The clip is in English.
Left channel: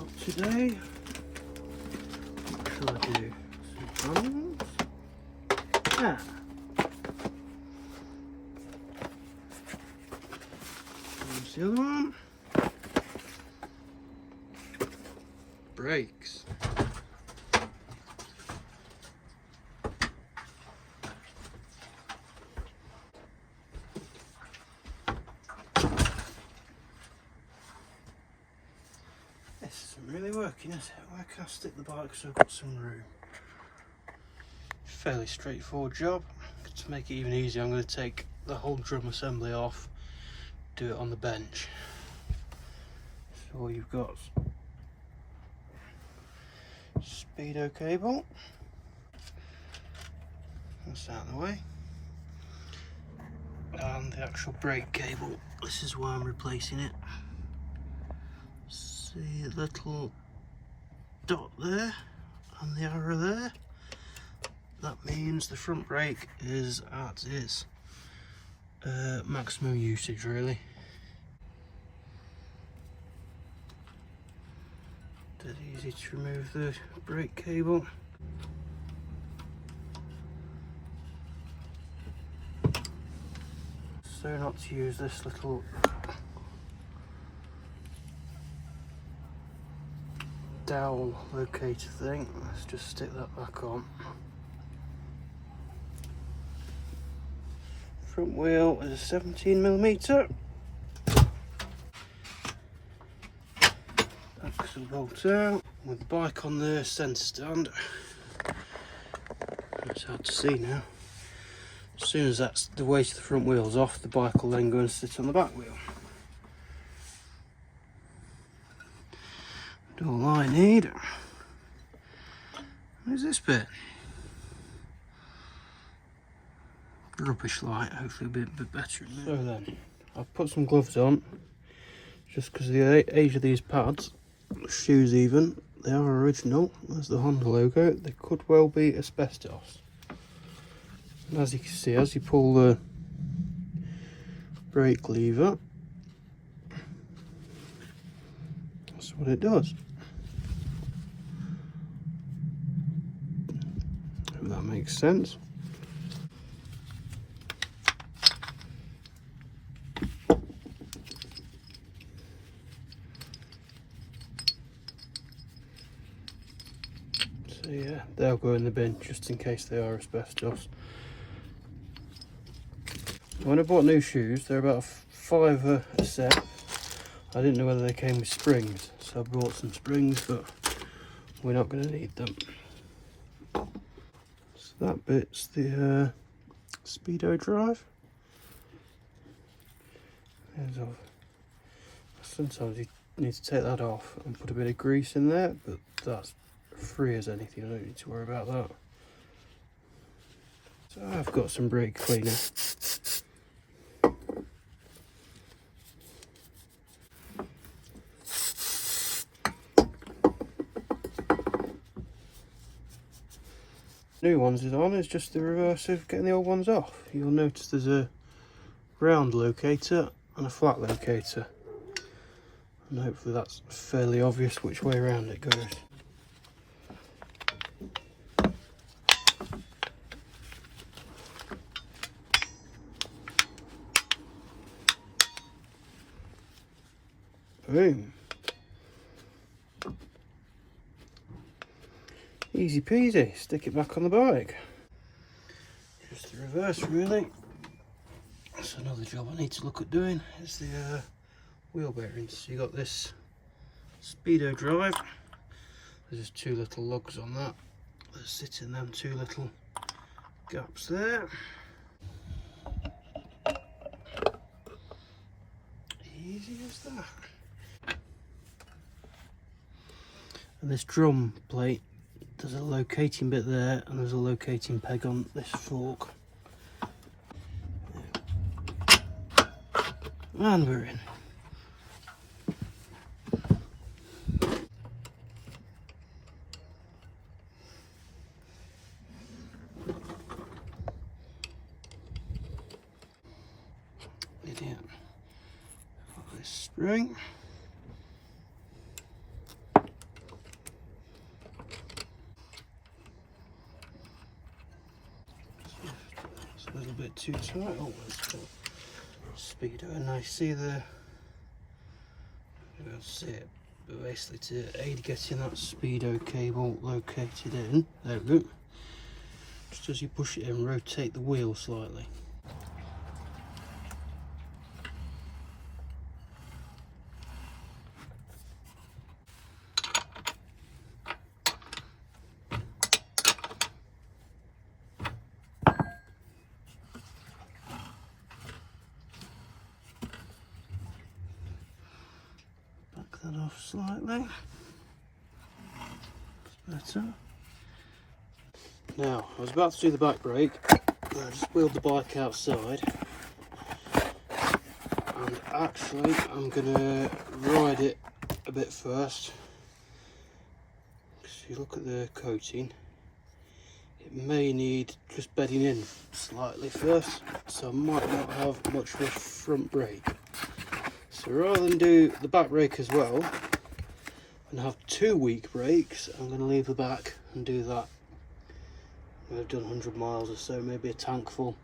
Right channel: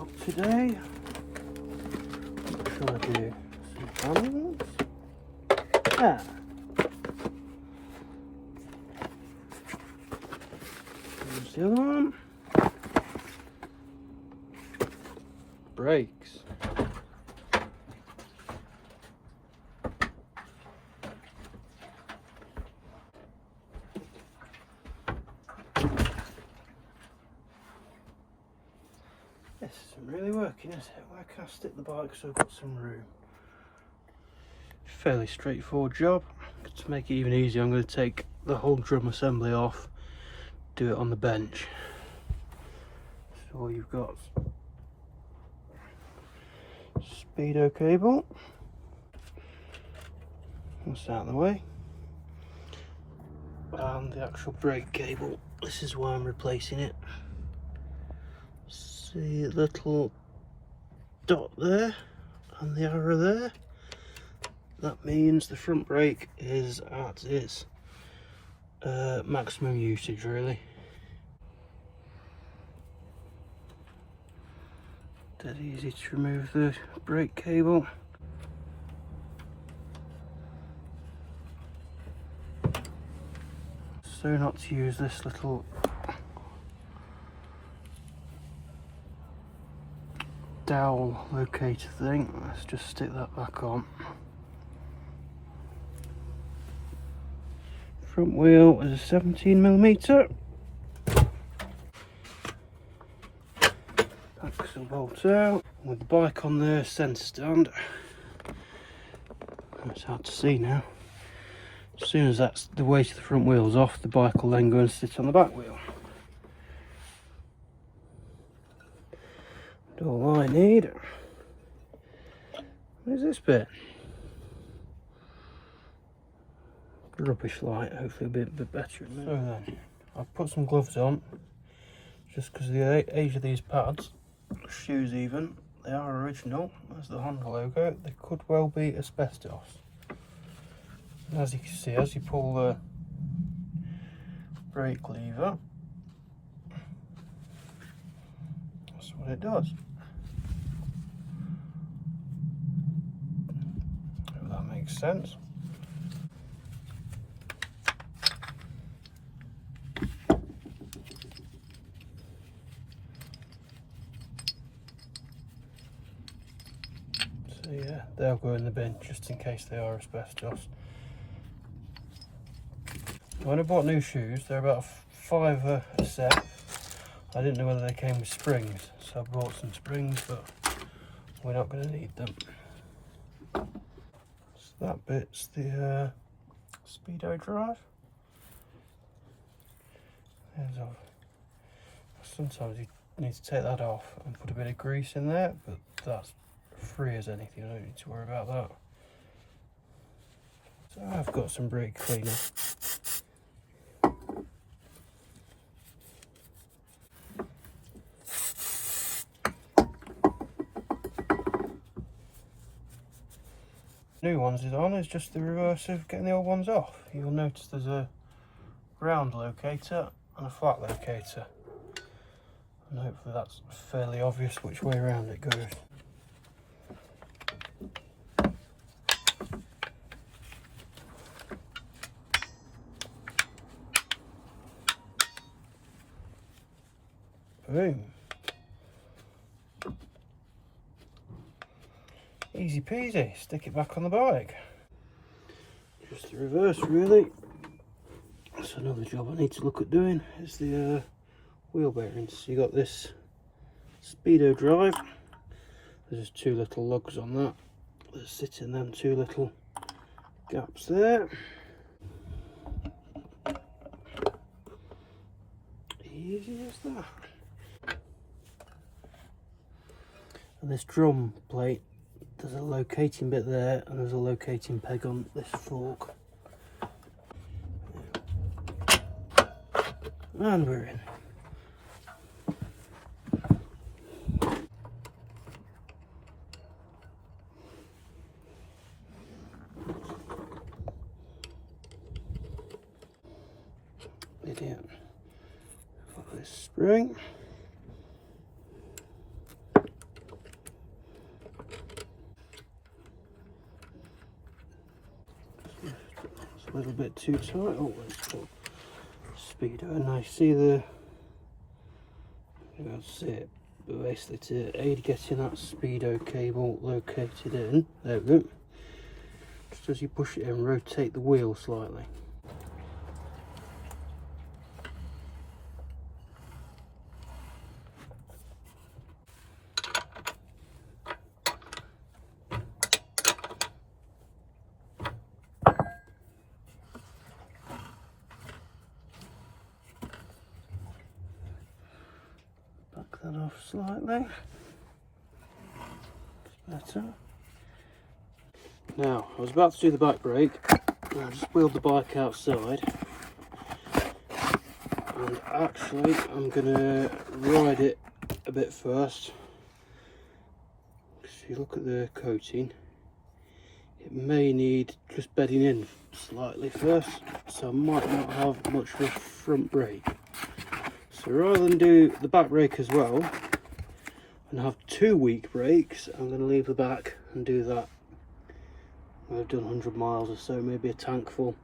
job today. What shall I do? Some hands. Here's the other one. Brakes. This isn't really working, is it? Where can I stick the bike so I've got some room? Fairly straightforward job. To make it even easier, I'm going to take the whole drum assembly off, do it on the bench. So all you've got speedo cable. That's out of the way. And the actual brake cable. This is why I'm replacing it. See a little dot there and the arrow there. That means the front brake is at its maximum usage, really. Dead easy to remove the brake cable. So not to use this little dowel locator thing. Let's just stick that back on. Front wheel is a 17mm. Axle bolt out. With the bike on the centre stand. It's hard to see now. As soon as that's the weight of the front wheel's off, the bike will then go and sit on the back wheel. And all I need, where's this bit? Rubbish light, hopefully a bit better in there. So then, I've put some gloves on, just because of the age of these pads. Shoes even, they are original. There's the Honda logo. They could well be asbestos. And as you can see, as you pull the brake lever, that's what it does. Hope that makes sense. So yeah, they'll go in the bin just in case they are asbestos. When I bought new shoes, they're about £5 a set. I didn't know whether they came with springs, so I bought some springs, but we're not going to need them. So that bit's the speedo drive. Sometimes you need to take that off and put a bit of grease in there, but that's free as anything. I don't need to worry about that. So I've got some brake cleaner. New ones is on, it's just the reverse of getting the old ones off. You'll notice there's a round locator and a flat locator, and hopefully that's fairly obvious which way around it goes. Boom. Easy peasy, stick it back on the bike. Just the reverse really. That's another job I need to look at doing, is the wheel bearings. So you got this speedo drive, there's just two little lugs on that that sit in them two little gaps there. Easy as that. And this drum plate, there's a locating bit there and there's a locating peg on this fork. And we're in. Idiot. Got this spring. bit too tight. Oh, let's put speedo, and I see that's it. But basically, to aid getting that speedo cable located in, there we go. Just as you push it in, rotate the wheel slightly. Back that off slightly. That's better. Now, I was about to do the back brake. I just wheeled the bike outside. And actually, I'm going to ride it a bit first. If you look at the coating, it may need just bedding in slightly first. So I might not have much of a front brake. So rather than do the back brake as well, and have 2 weak brakes, I'm going to leave the back and do that. I've done 100 miles or so, maybe a tank full.